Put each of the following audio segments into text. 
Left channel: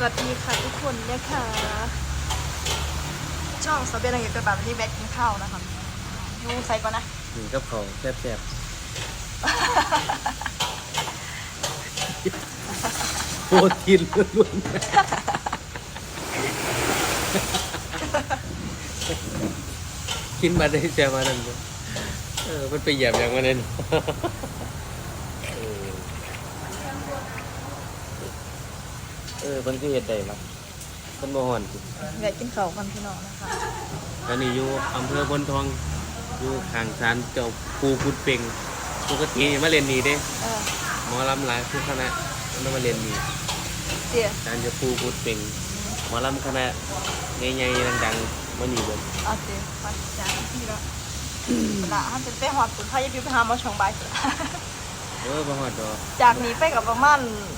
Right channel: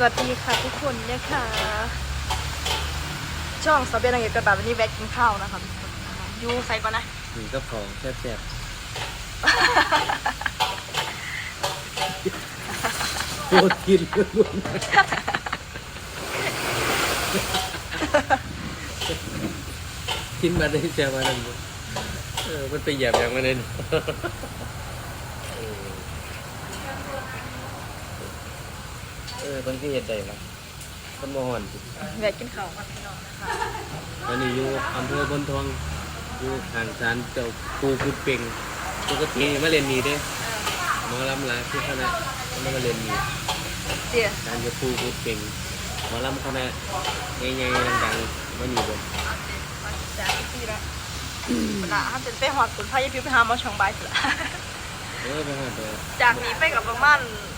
สวัสดีค่ะทุกคนนะคะช่องสเปนอังกฤษกันแบบวันนี้แวะกินข้าวนะคะยูใส่ก่อนนะนี่กับเขาวแซ่บๆโปรตีนล้วนกินมาได้แซ่บมาได้เออมันไปเหยียบอย่างมาเลยเนาะเออเออมันก็เห็ดได้ละมันบ่ฮ้อนสิแวะกินข้าวกันพี่น้องนะคะตอนนี้อยู่อำเภอบนทองอยู่ข้างศาลเจ้าปูกุดเป่งปกติมาเรียนนี่เด้เออหมอลำหลายคือคณะมันมาเรียนนี่เจี๋ยการจะปูกุดเป่งหมอลำคณะใหญ่ๆดังๆมานี่เบ่เอาสิมาจากที่ละเวลาห้ามเป็นเป้หอดสุนพายพิวไปหาหมอช่องใบายสิละ เออบ่ฮอดดอกจากนี้ไปกับประมาณเ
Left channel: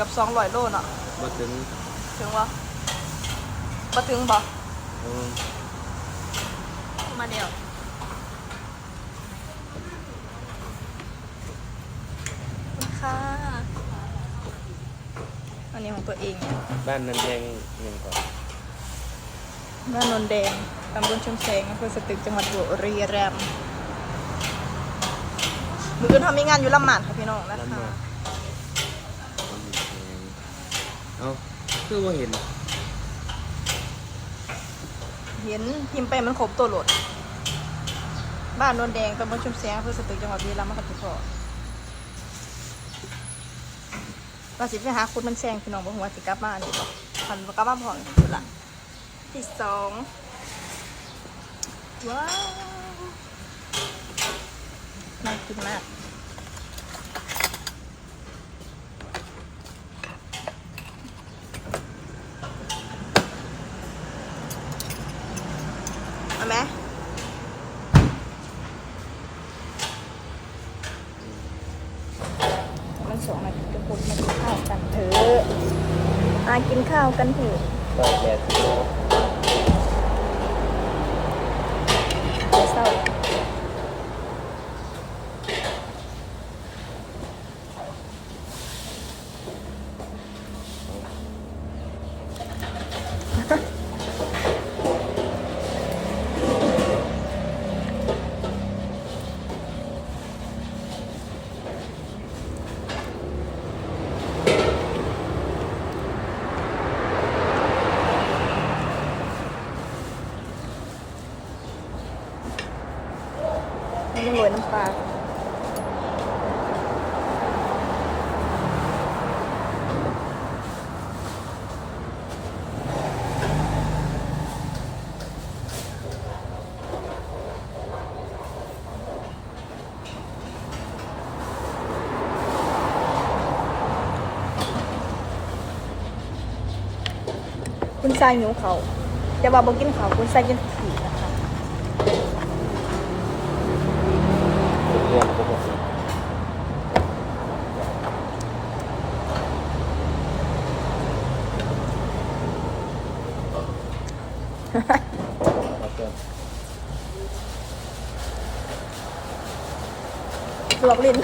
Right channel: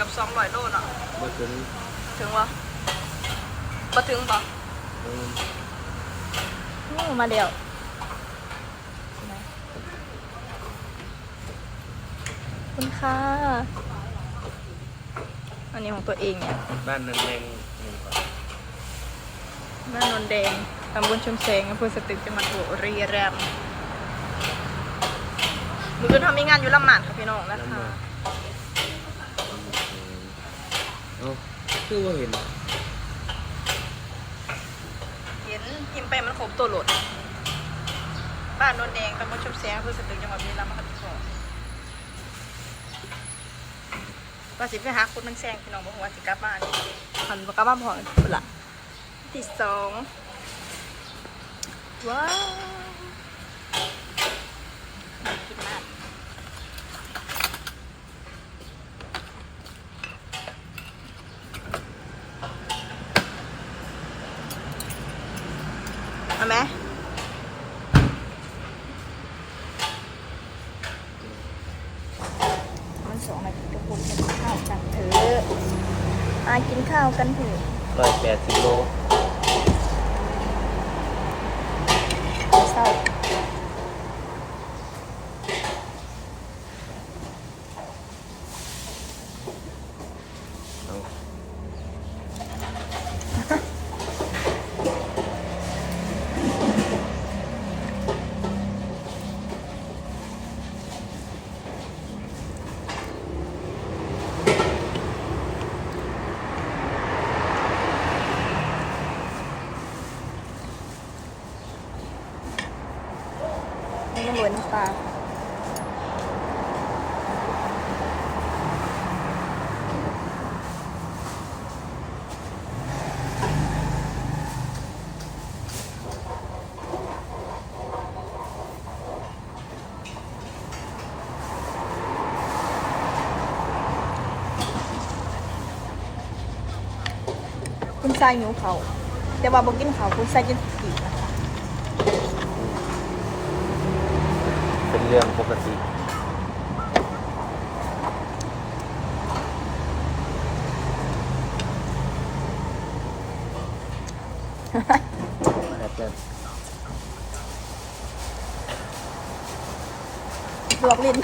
กือบสองร้อยโลเนาะบ่ถึงถึงวะมาถึงบ่เอออื้อมาเดียว ขอบคุณค่ะ อันนี้ของตัวเองเนี่ย บ้านนั้นแรงยังก่อนบ้านนนแดง ตำบลชุมแสงอำเภอสตึก จังหวัดบุรีรัมย์มืออนทำมีงานอยู่ลำหมานค่ะพี่น้องนะคะ คือว่าเห็น เห็นพิมพ์ไปมันครบตัวโหลด บ้านนนแดงตำบลชุมแสงอำเภอสตึกจังหวัดบุรีรัมย์มาค่ะพี่พ่อว่าสิไปหาคุณมันแซงพี่น้องบอกว่าสิกลับบ้านพันบ่กลับบ้านพอคุณละที่สองว้าวน่ากินมากเอาไหมมันสองนาทีทุกคนมากินข้าวกันเถอะ มากินข้าวกันเถอะเปิดแก่สิโลเศร้า ให้มันโรยน้ำปลาคุณชายหิวเขาแต่ว่าบอกกินเขาคุณชายกินผีนะคะ เรื่องปกติลวกลิ้น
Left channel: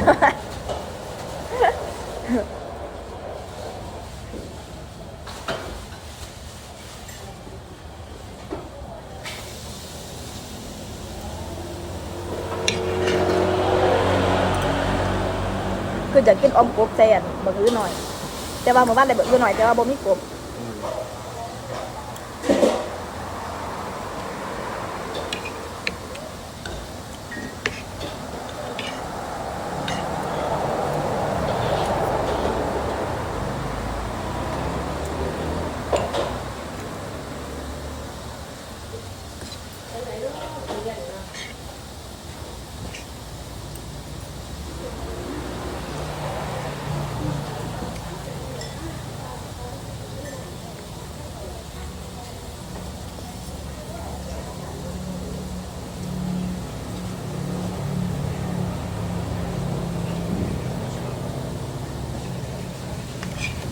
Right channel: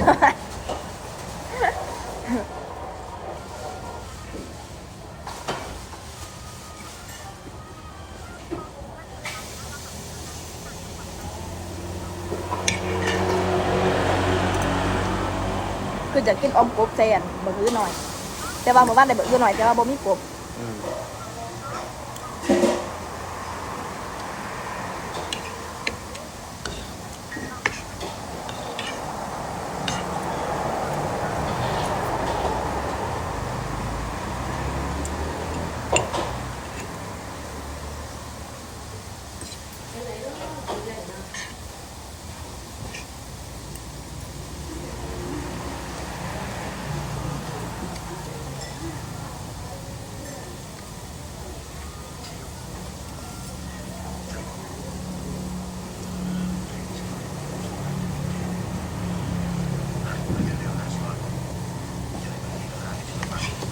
คือจะกินออมกบแซนบะฮือหน่อย แต่ว่าเมื่อวานได้บะฮือหน่อยแต่ว่าบ่มีกบ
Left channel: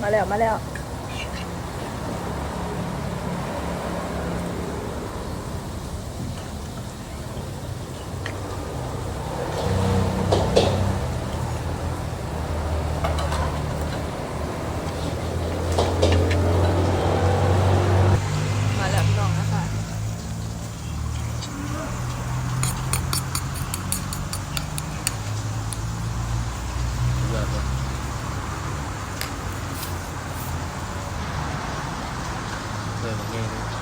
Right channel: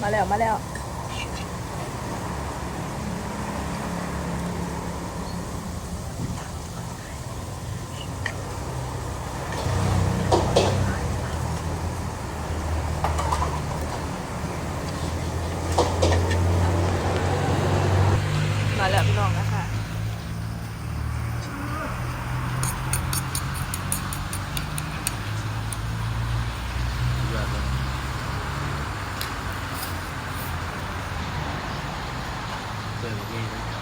มาแล้วมาแล้ว เปิดแ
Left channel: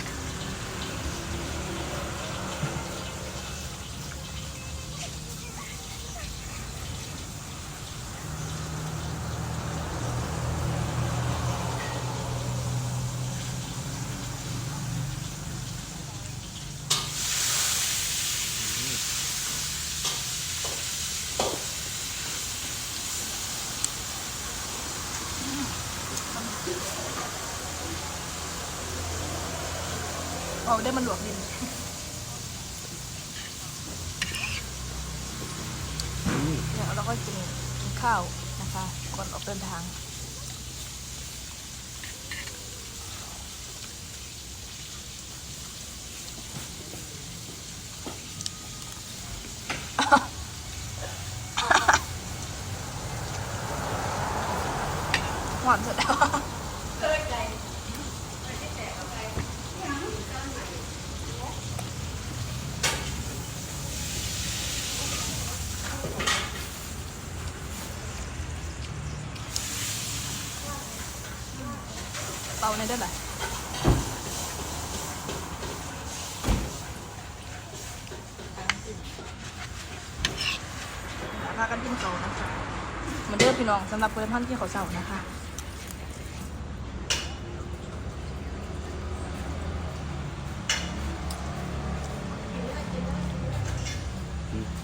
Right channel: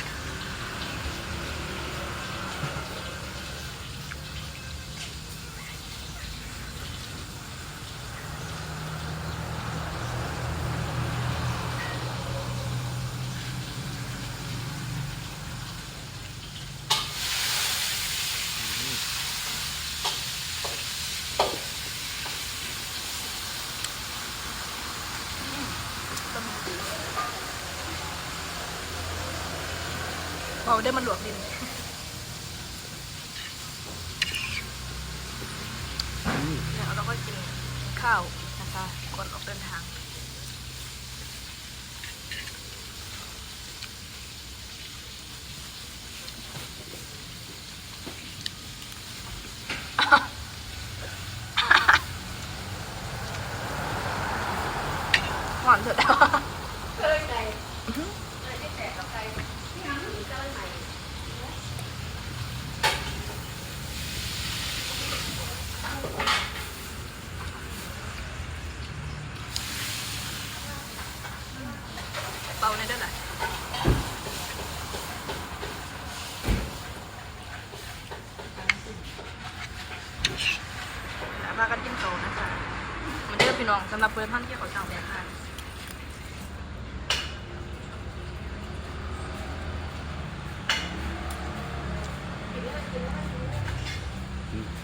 เอาได้มันหลวกดินอืมเดี๋ยวเราก็กินกินข้าวนะคะ ก่อนออกเดินทางหวานสุดแล้ว เป่าในได้ไหมพากันกินเขานะคะเหมือนเดิมพี่น้องสำหรับเพื่อนท่านที่เขาเจ้านะคะเห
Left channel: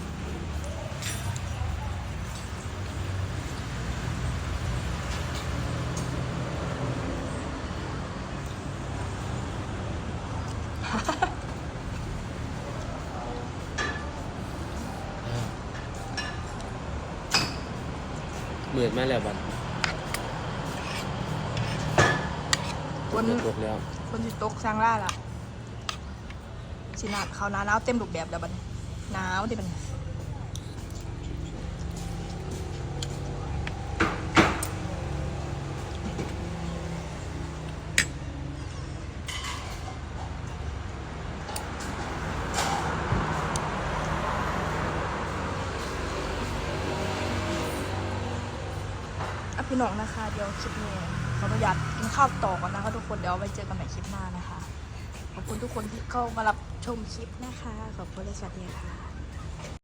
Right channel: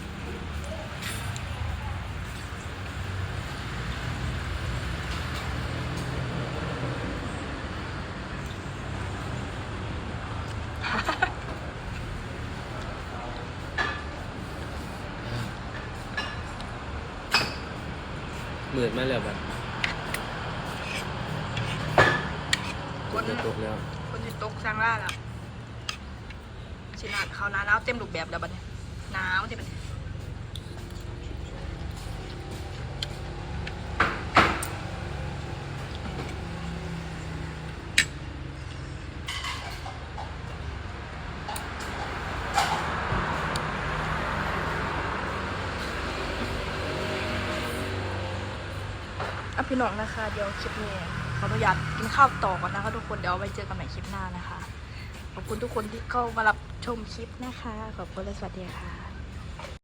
มือนมาแล้วบัดคนจะตกแล้วคนที่ตกสร้างล่าแล้วสิหนาเขาวหนาหนาวเต็มรูปแบบแล้วบัดนี้หนาวที่มัน พี่น้องนะคะ เดี๋ยวคลิปนี้ขออนุญาตกินข้าวต่อก่อนนะคะทุกคนเดี๋ยวไว้เจอกันใหม่คลิปหน้านะคะ ขอบคุณทุกคนที่เข้ามารับชมคลิปนะคะ ขอบคุณและสวัสดีค่ะ